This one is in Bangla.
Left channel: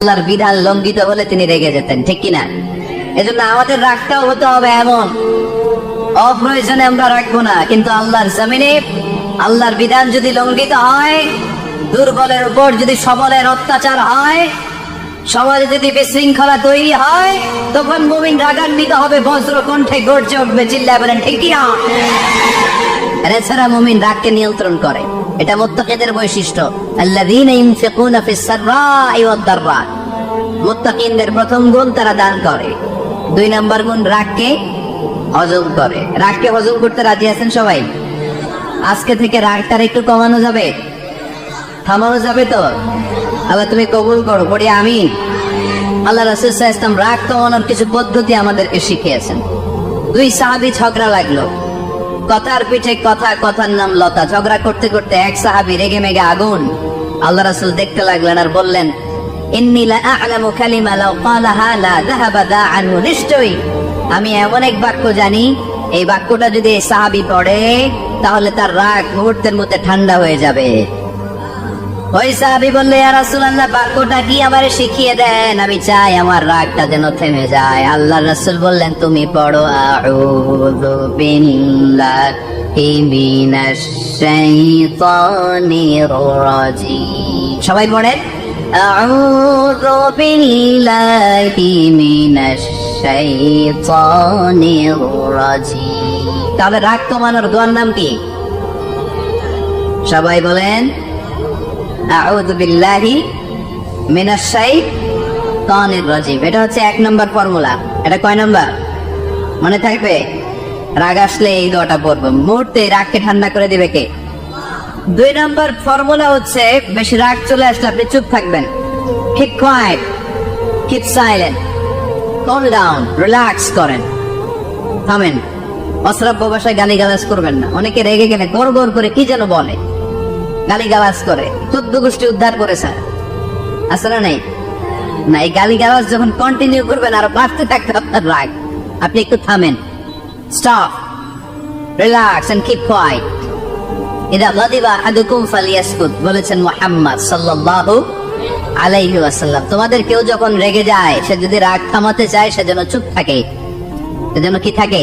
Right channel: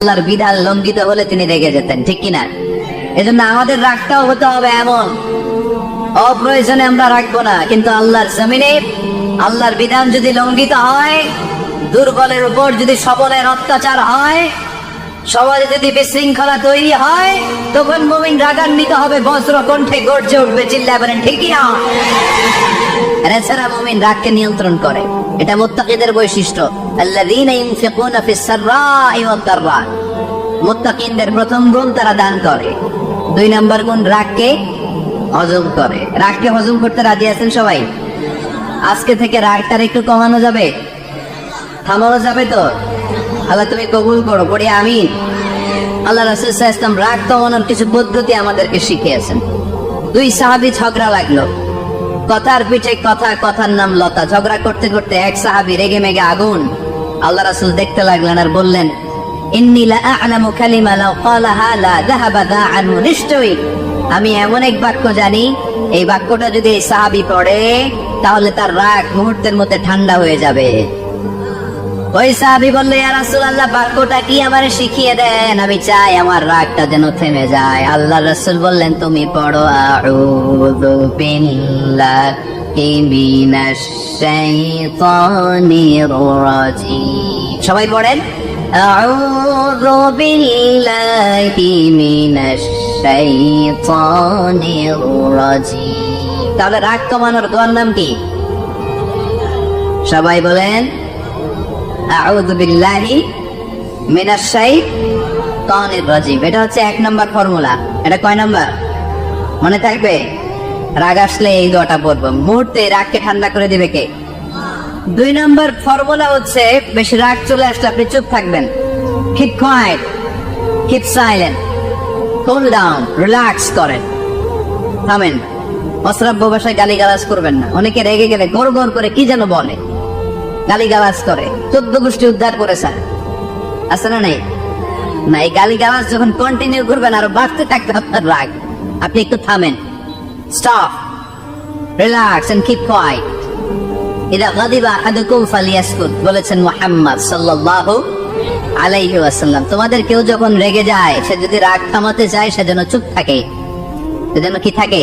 আল্লাহর বিধান লঙ্ঘিত হলে তিনি রেগে যেতেন, ঠিক কিনা? এজন্য আমাদের রাগটাও হতে হবে এমন, অপ্রয়োজনে আমরা রাখবো না। কিন্তু আল্লাহর জমিনে আল্লাহর বিধান যদি লঙ্ঘিত হয়, দুর্বলের উপর যদি সবলের অত্যাচার হয়, সমাজে যদি বিশৃঙ্খলা তৈরি হয়, তখন মুমিন রাগান্বিত হবে, বজ্র কণ্ঠে গর্জে উঠবে, চিল্লায় বলেন ঠিক কিনা? এছাড়া মুমিন রাগকে নিয়ন্ত্রণ করে, এটা মুত্তাকিদের বৈশিষ্ট্য। আল্লাযীনা ইউনফিকুনা ফিস সাররা'i ওয়াদ দাররা, মুত্তাকিনদের প্রথম গুণ তারা দান করে। 2 নম্বর গুণ রাগকে হজম করে। রাগকে হজম করতে রাজি আছেন সবাই? আজকে থেকে রাগটার একটু কমানো যাবে, থামানো যাবে তো? আল্লাহ তুমি কবুল করো, পড়ি আমিন। আল্লাহ রাসূল সাল্লাল্লাহু আলাইহি ওয়াসাল্লাম রাগ কমানোর কিছু পদ্ধতি আমাদেরকে শিখিয়েছেন। 2 সাহাবী ঝগড়া লাগলো, কথার পিঠে কথা, কথার নাম লতা। ঝগড়া করতে করতে এক সাহাবী রেগে মেগে আগুন। আল্লাহ রাসূল দেখতে লাগলেন আর বললেন, ইন্নী লা আ'লামু কালিমা লাউ ক্বালাহা লা যাহাবা দা'আন, নিশ্চয়ই আমি এমন এক বাক্য জানি, এই বাক্যটা যদি এই সাহাবী পড়ে তাহলে তার রাগ মুহূর্তের মধ্যে ঠান্ডা হয়ে যাবে। ওই সাহাবী বললে, ইয়া রাসূলুল্লাহ, বাক্যটা কি আমারে শিখিয়ে দেন, আমি চাই আমার রাগটা যেন থেমে যায়। আল্লাহ রাসূল বললেন, তুমি পড়ো আউযু বিল্লাহি মিনাশ শাইতানির রাজিম। সবাই পড়েন, আউযু বিল্লাহি মিনাশ শাইতানির রাজিম। তাহলে রাগ কমানোর দোয়ার নাম কি? সবাই বলেন, আউযু বিল্লাহি মিনাশ শাইতানির রাজিম। এটা হচ্ছে 1 নম্বর ফর্মুলা। এটা কয় নাম্বার মনে থাকবে? রাগ আসলে এই দোয়াটা পড়বো, মুহূর্তে রাগকে ঠান্ডা করে দিবে কে? 2 নম্বর ফর্মুলা হচ্ছে, বেশি রাগ চলে আসলে আপনি চুপ থাকবেন। Keep quiet, keep silent, calm down, relax করেন, থামেন। অশ্রাব্য ভাষায় গালিগালাজ করবেন না। অনেকে রেগে গেলে গড় গড় করে কি যেন বলে, গালিগালাজ করে, 14 গোষ্ঠী উদ্ধার করেছে, আছে না নাই? না, এই গালিগালাজ যখন কন্টিনিউ করবেন আরো বাড়তে থাকবে আপনার রাগ। আপনি একটু থামেন, stop, relax and keep quiet. ইদা গাদিবা আহাদুকুম ফালিয়াসকুত, বলেছেন মুহাম্মদ সাল্লাল্লাহু আলাইহি ওয়াসাল্লাম। তোমাদের কেউ যখন রেগে যায়, সে যদি রাগ থামাতে চায়, সে যেন চুপ থাকে, সে যেন কি থাকে?